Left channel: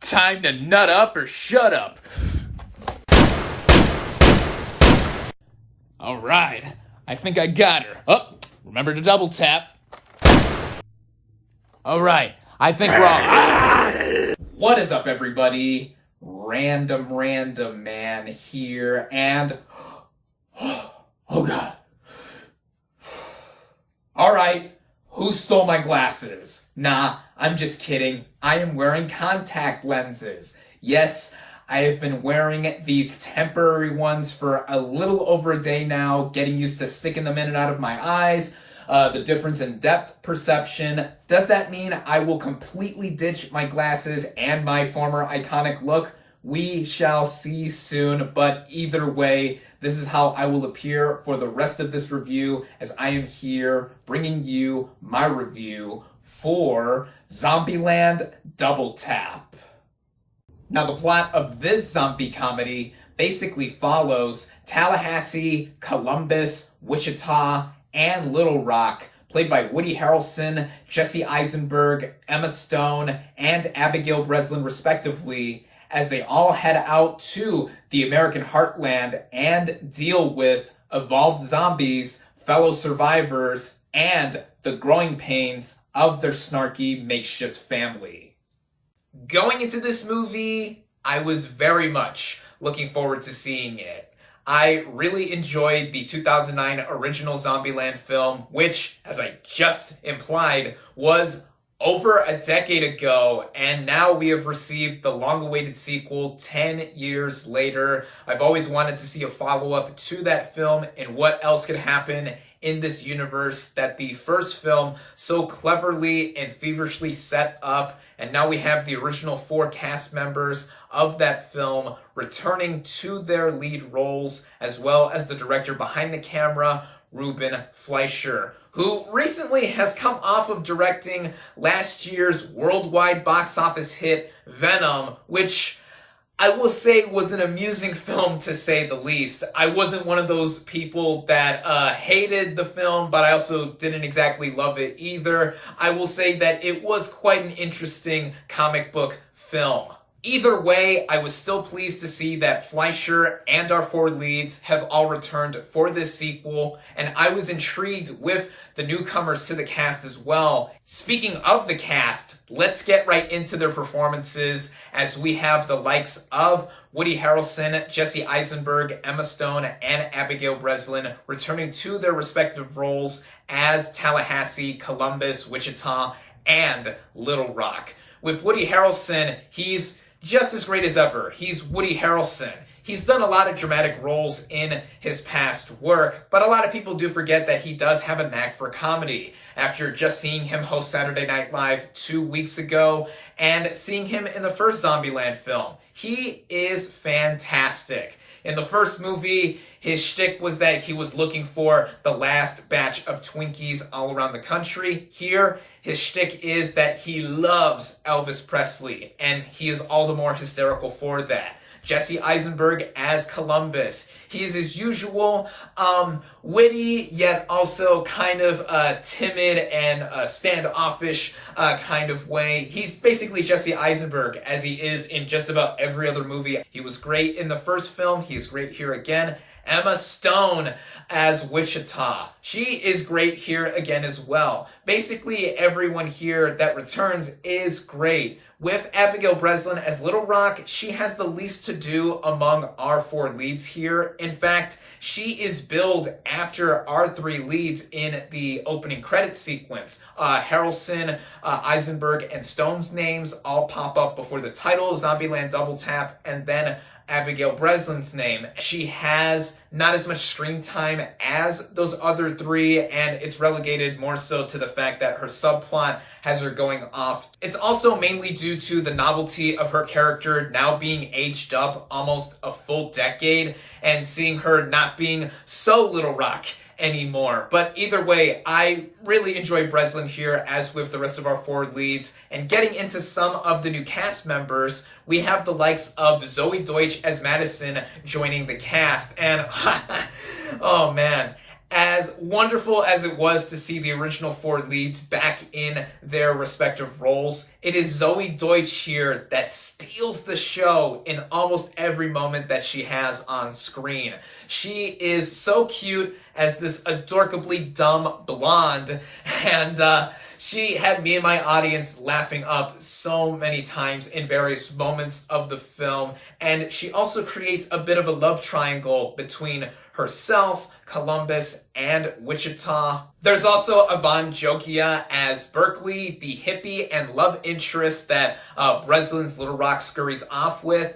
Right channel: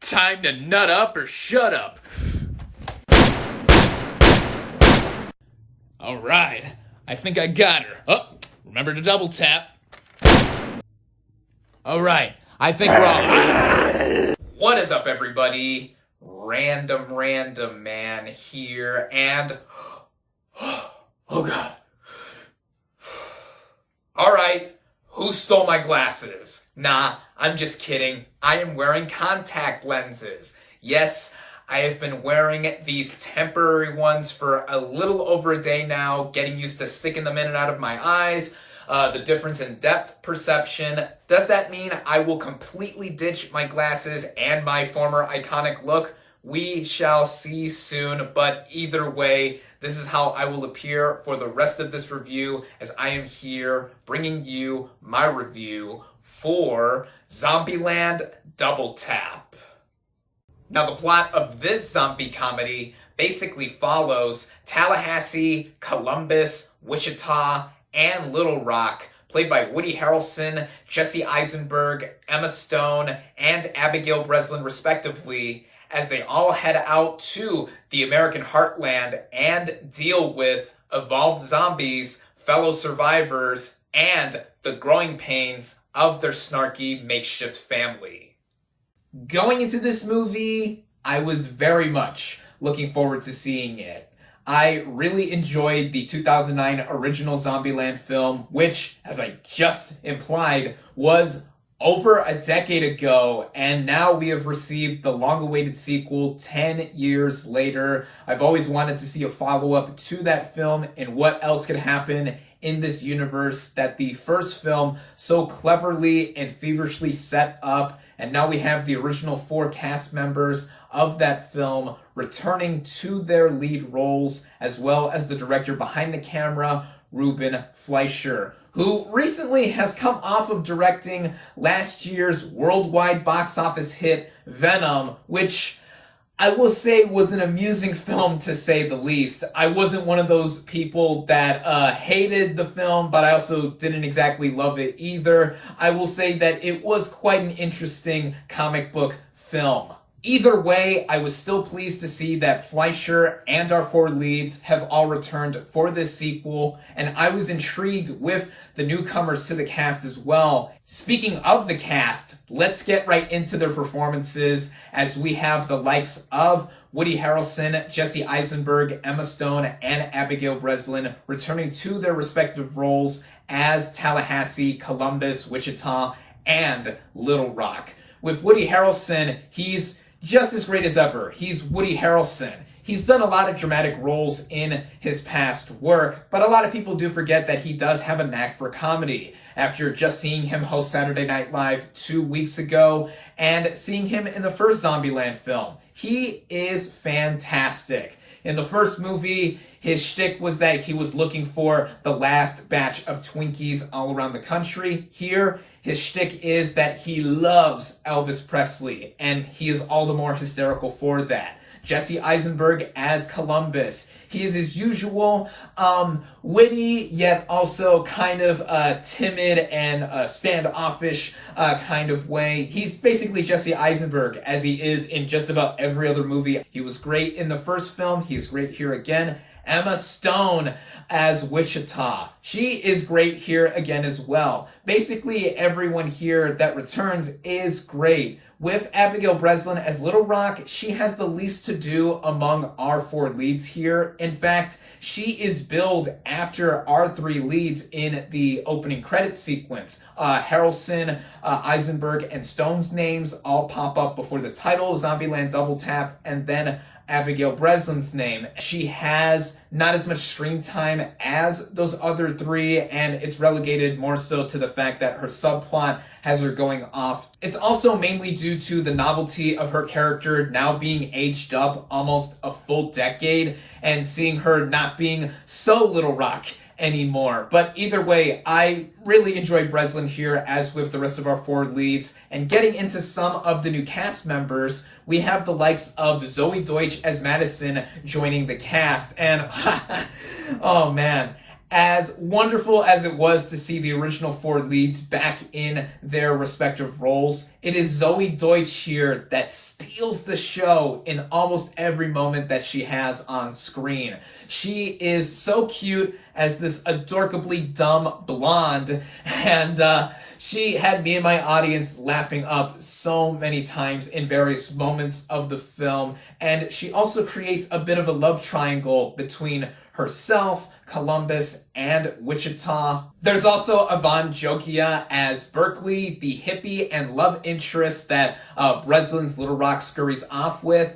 Time to nut up or shut up. Alright, I think I got her. Oh, remember to double tap. Alright, I think we're all... What is up, everybody? RandomRandomMan here, and... Oh god. Alright, who stole my glasses? Nah, I'm just kidding. I am wearing contact lenses. Yes, I have been wearing these temporary ones for a little over a day now, getting used to sticking them in and out of my eyes. The difference in depth perception. Does that mean I will completely ditch my glasses and my former iconic look? We shall see soon, but either way, this is how I will appear for the rest of this review, as I am here bringing you my review for Zombieland Double Tap. Now, the plot of this zombie comedy basically follows Tallahassee, Columbus, Wichita, and Little Rock, played by Woody Harrelson, Jesse Eisenberg, Emma Stone, and Abigail Breslin, respectively, as they all head out to the American heartland and deal with evolved zombies, fellow survivors, and the growing pains of their snarky makeshift family. Going into this movie, I was very much looking forward to seeing it. I really enjoyed the 2009 original Zombieland film, which, as I just implied, was over a decade ago, and now we have received the long-awaited sequel 10 years later. I've always wanted to see a follow-up to that film and what else could happen in this universe that the first film so cleverly and feverishly set up, and now we have the original 4 cast members of that film returning to their lead roles, as well as the director behind the camera, Ruben Fleischer, who recently has come off of directing last year's worldwide box office hit Venom, which I will say was an amusing film, to say the least. I wasn't one of those people that hated the film, but I also didn't exactly love it either. I will say that it was quite an interesting comic book film. Either way, I was still pleased to see that Fleischer and our 4 leads have all returned for this sequel, and I was intrigued with the newcomers to the cast as well. Speaking of the cast, let's get right into their performances, as we have the likes of Woody Harrelson, Jesse Eisenberg, Emma Stone, and Abigail Breslin returning to their respective roles as Tallahassee, Columbus, Wichita, and Little Rock. With Woody Harrelson, he's just as great as ever. He's Woody Harrelson. He's done a lot of dramatic roles in his past work, but a lot of people do forget that he does have a knack for comedy. After just seeing him host Saturday Night Live 2 weeks ago and seeing him in the first Zombieland film, he is fantastic. In the first movie, his shtick was that he was looking for the last batch of Twinkies all around the country. Here, his shtick is that he loves Elvis Presley, and he is all the more hysterical for that. Jesse Eisenberg as Columbus. He is, as usual, witty, yet also kind of timid and standoffish kind of way. He's basically Jesse Eisenberg, as he is in just about every other movie. He was great in the first film. He is great here again. Emma Stone as Wichita. She is great here again as well. Basically, everyone here that returns is great. With Abigail Breslin as Little Rock, she has the least to do among our 4 leads here. In fact, she is billed after our 3 leads in the opening credits sequence. Harrelson, Eisenberg, and Stone's names all pop up before the title, Zombieland Double Tap, and then Abigail Breslin's name. She has not as much screen time as those other 3, and it's relegated more so to the fact that her subplot has her going off. It's also mainly due to the novelty of her character now being aged up almost a full decade, and seeing her not being so Little Rock anymore. But either way, I really enjoy Breslin here, as with the rest of our 4 leads. And getting into some of the new cast members, we have the likes of Zoe Deutsch as Madison joining the cast. And, oh man, As wonderful as it was to see the original four leads back in their respective roles, it is Zoe Deutsch here that steals the show in almost every moment that she has on screen. She is so cute as this adorably dumb blonde, and she had me and my audience laughing up so many times in various moments of the film, and she also creates a bit of a love triangle between herself, Columbus, and Wichita. There's also Yvonne Jokia as Berkeley, the hippie and love interest that Breslin's Little Rock scurries off with.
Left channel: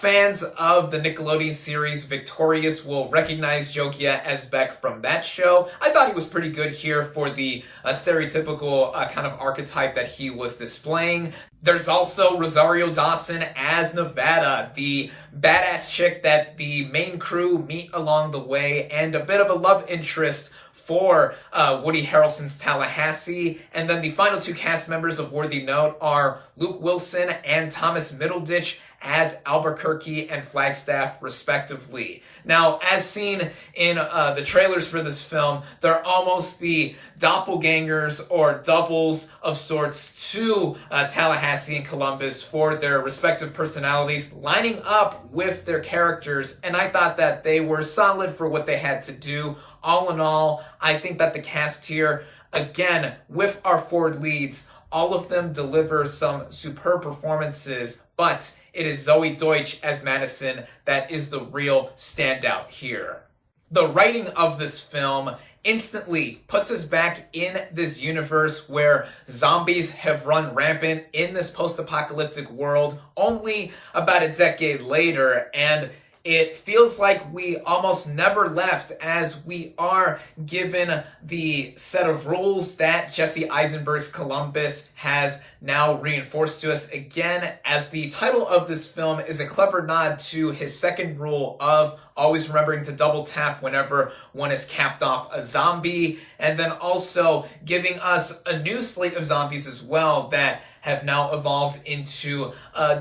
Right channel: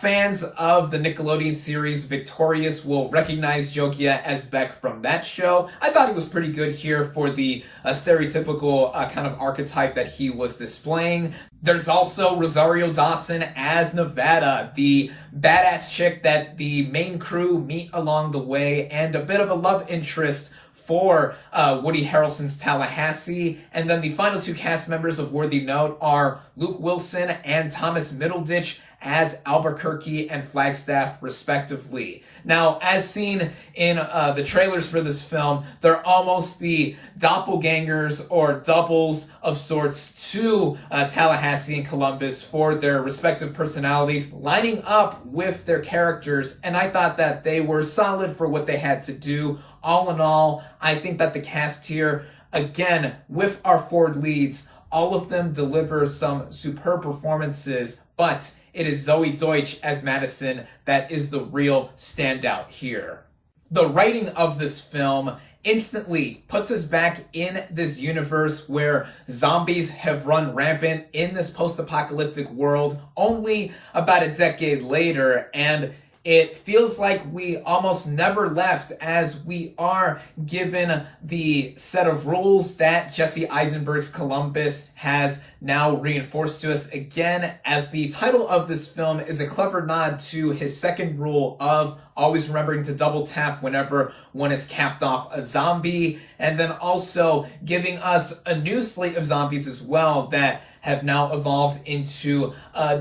Fans of the Nickelodeon series Victorious will recognize Jokia as Beck from that show. I thought he was pretty good here for the stereotypical kind of archetype that he was displaying. There's also Rosario Dawson as Nevada, the badass chick that the main crew meet along the way, and a bit of a love interest for Woody Harrelson's Tallahassee. And then the final two cast members of worthy note are Luke Wilson and Thomas Middleditch as Albuquerque and Flagstaff, respectively. Now, as seen in the trailers for this film, they're almost the doppelgangers or doubles of sorts to Tallahassee and Columbus for their respective personalities, lining up with their characters, and I thought that they were solid for what they had to do. All in all, I think that the cast here, again, with our four leads, all of them deliver some superb performances, but it is Zoe Deutsch as Madison that is the real standout here. The writing of this film instantly puts us back in this universe where zombies have run rampant in this post-apocalyptic world only about a decade later, and it feels like we almost never left, as we are given the set of rules that Jesse Eisenberg's Columbus has now reinforced to us again, as the title of this film is a clever nod to his second rule of always remembering to double tap whenever one is capped off a zombie, and then also giving us a new slate of zombies as well that have now evolved into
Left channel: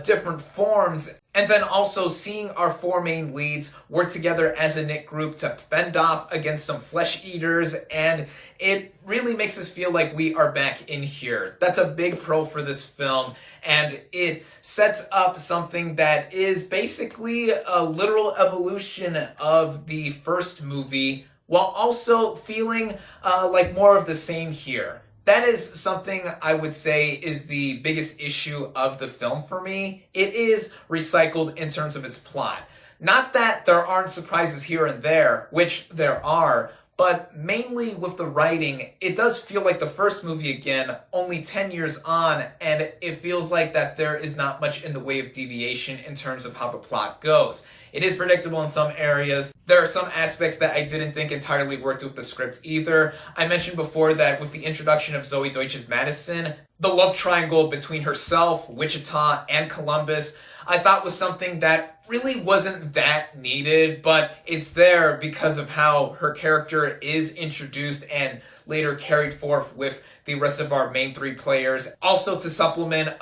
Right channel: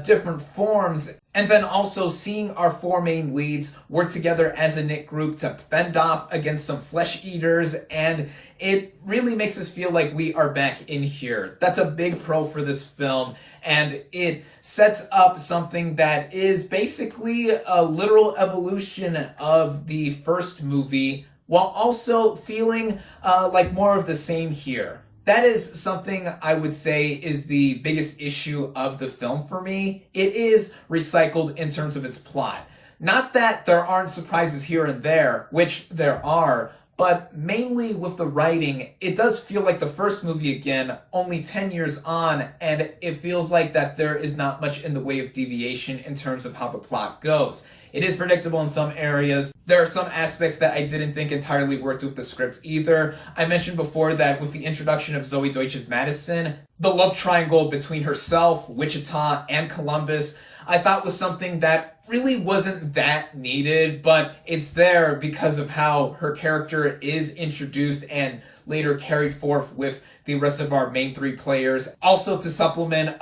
different forms, and then also seeing our four main leads work together as a knit group to fend off against some flesh eaters, and it really makes us feel like we are back in here. That's a big pro for this film, and it sets up something that is basically a literal evolution of the first movie, while also feeling like more of the same here. That is something I would say is the biggest issue of the film for me. It is recycled in terms of its plot. Not that there aren't surprises here and there, which there are, but mainly with the writing, it does feel like the first movie again, only 10 years on, and it feels like that there is not much in the way of deviation in terms of how the plot goes. It is predictable in some areas. There are some aspects that I didn't think entirely worked with the script either. I mentioned before that with the introduction of Zoe Deutsch's Madison, the love triangle between herself, Wichita, and Columbus, I thought was something that really wasn't that needed, but it's there because of how her character is introduced and later carried forth with the rest of our main three players. Also to supplement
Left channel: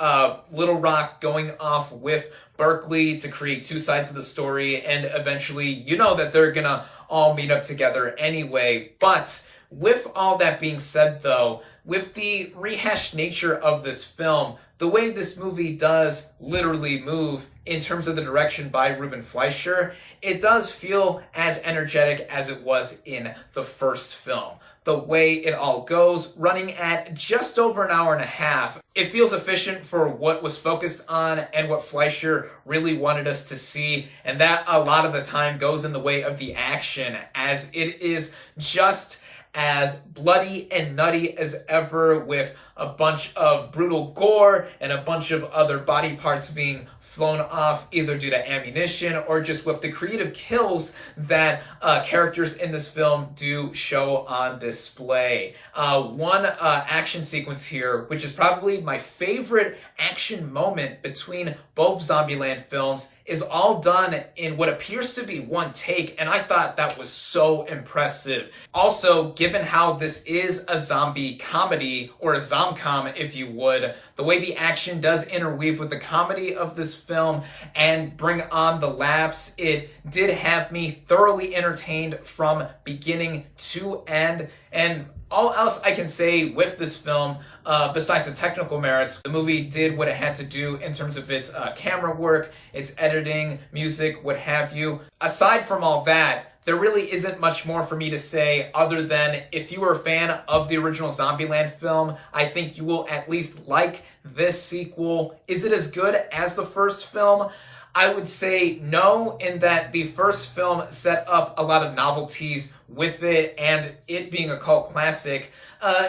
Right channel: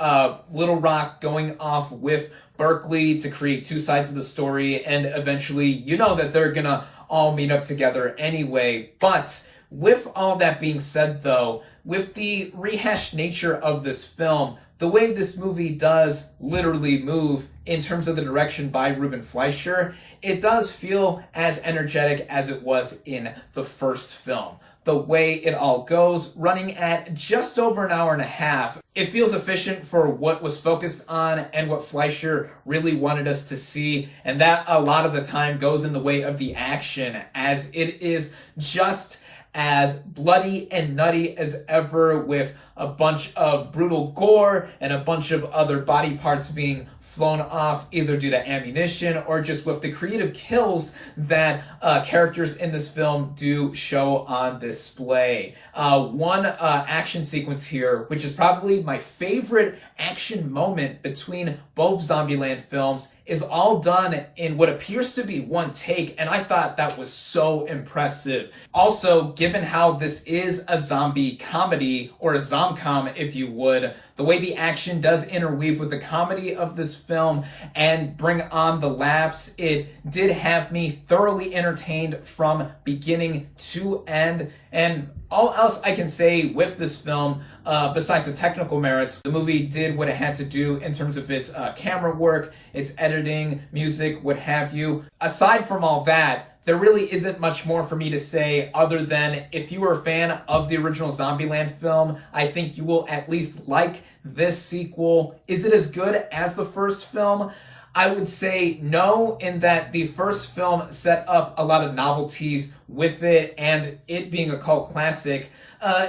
Little Rock going off with Berkeley to create two sides of the story, and eventually you know that they're gonna all meet up together anyway. But with all that being said though, with the rehashed nature of this film, the way this movie does literally move in terms of the direction by Ruben Fleischer, it does feel as energetic as it was in the first film. The way it all goes, running at just over an hour and a half, it feels efficient for what was focused on and what Fleischer really wanted us to see, and that a lot of the time goes in the way of the action, as it is just as bloody and nutty as ever, with a bunch of brutal gore and a bunch of other body parts being flown off either due to ammunition or just with the creative kills that characters in this film do show on display. One action sequence here, which is probably my favorite action moment between both Zombieland films, is all done in what appears to be one take, and I thought that was so impressive. Also, given how this is a zombie comedy, or a zom-com if you would, The way the action does interweave with the comedy of this film and bring on the laughs, it did have me thoroughly entertained from beginning to end. And all else I can say with this film, besides the technical merits, the movie did what it had to do in terms of its camera work, its editing, music, what have you. Aside from all that, there really isn't much more for me to say other than if you were a fan of the original Zombieland film, I think you will at least like this sequel. Is it as good as the first film? I would say no, in that the first film set up a lot of novelties with it, and it being a cult classic,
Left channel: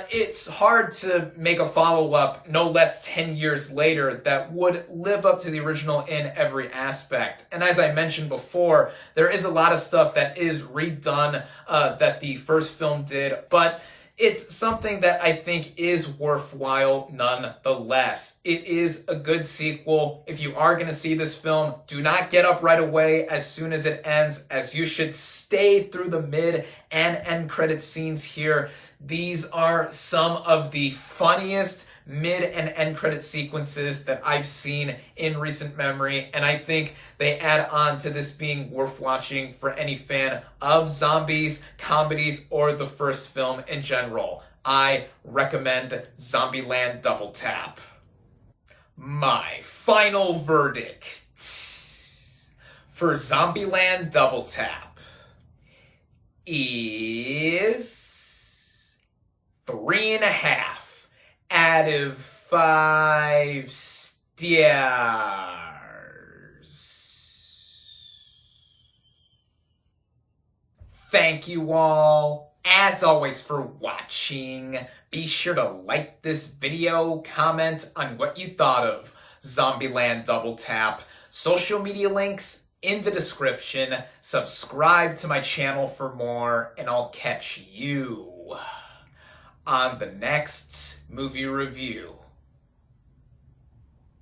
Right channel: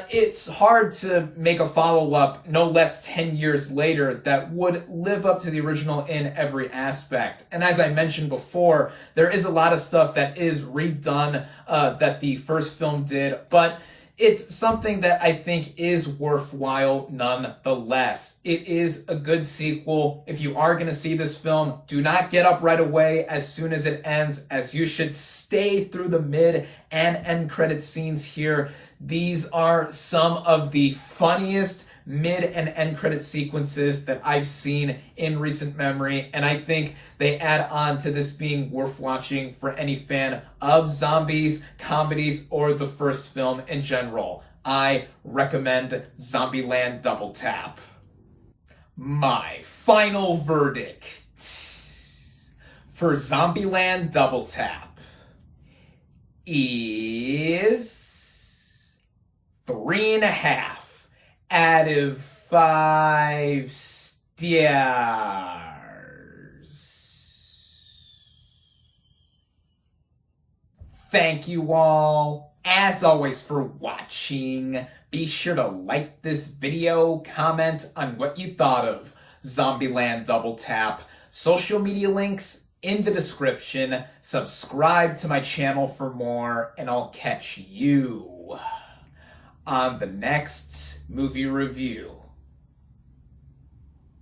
it's hard to make a follow-up no less 10 years later that would live up to the original in every aspect. And as I mentioned before, there is a lot of stuff that is redone that the first film did, but it's something that I think is worthwhile nonetheless. It is a good sequel. If you are going to see this film, do not get up right away as soon as it ends, as you should stay through the mid and end credit scenes here. These are some of the funniest mid and end credit sequences that I've seen in recent memory, and I think they add on to this being worth watching for any fan of zombies, comedies, or the first film in general. I recommend Zombieland Double Tap. My final verdict for Zombieland Double Tap is 3.5 out of 5 stars. Thank you all, as always, for watching. Be sure to like this video, comment on what you thought of Zombieland Double Tap. Social media links in the description. Subscribe to my channel for more, and I'll catch you on the next movie review.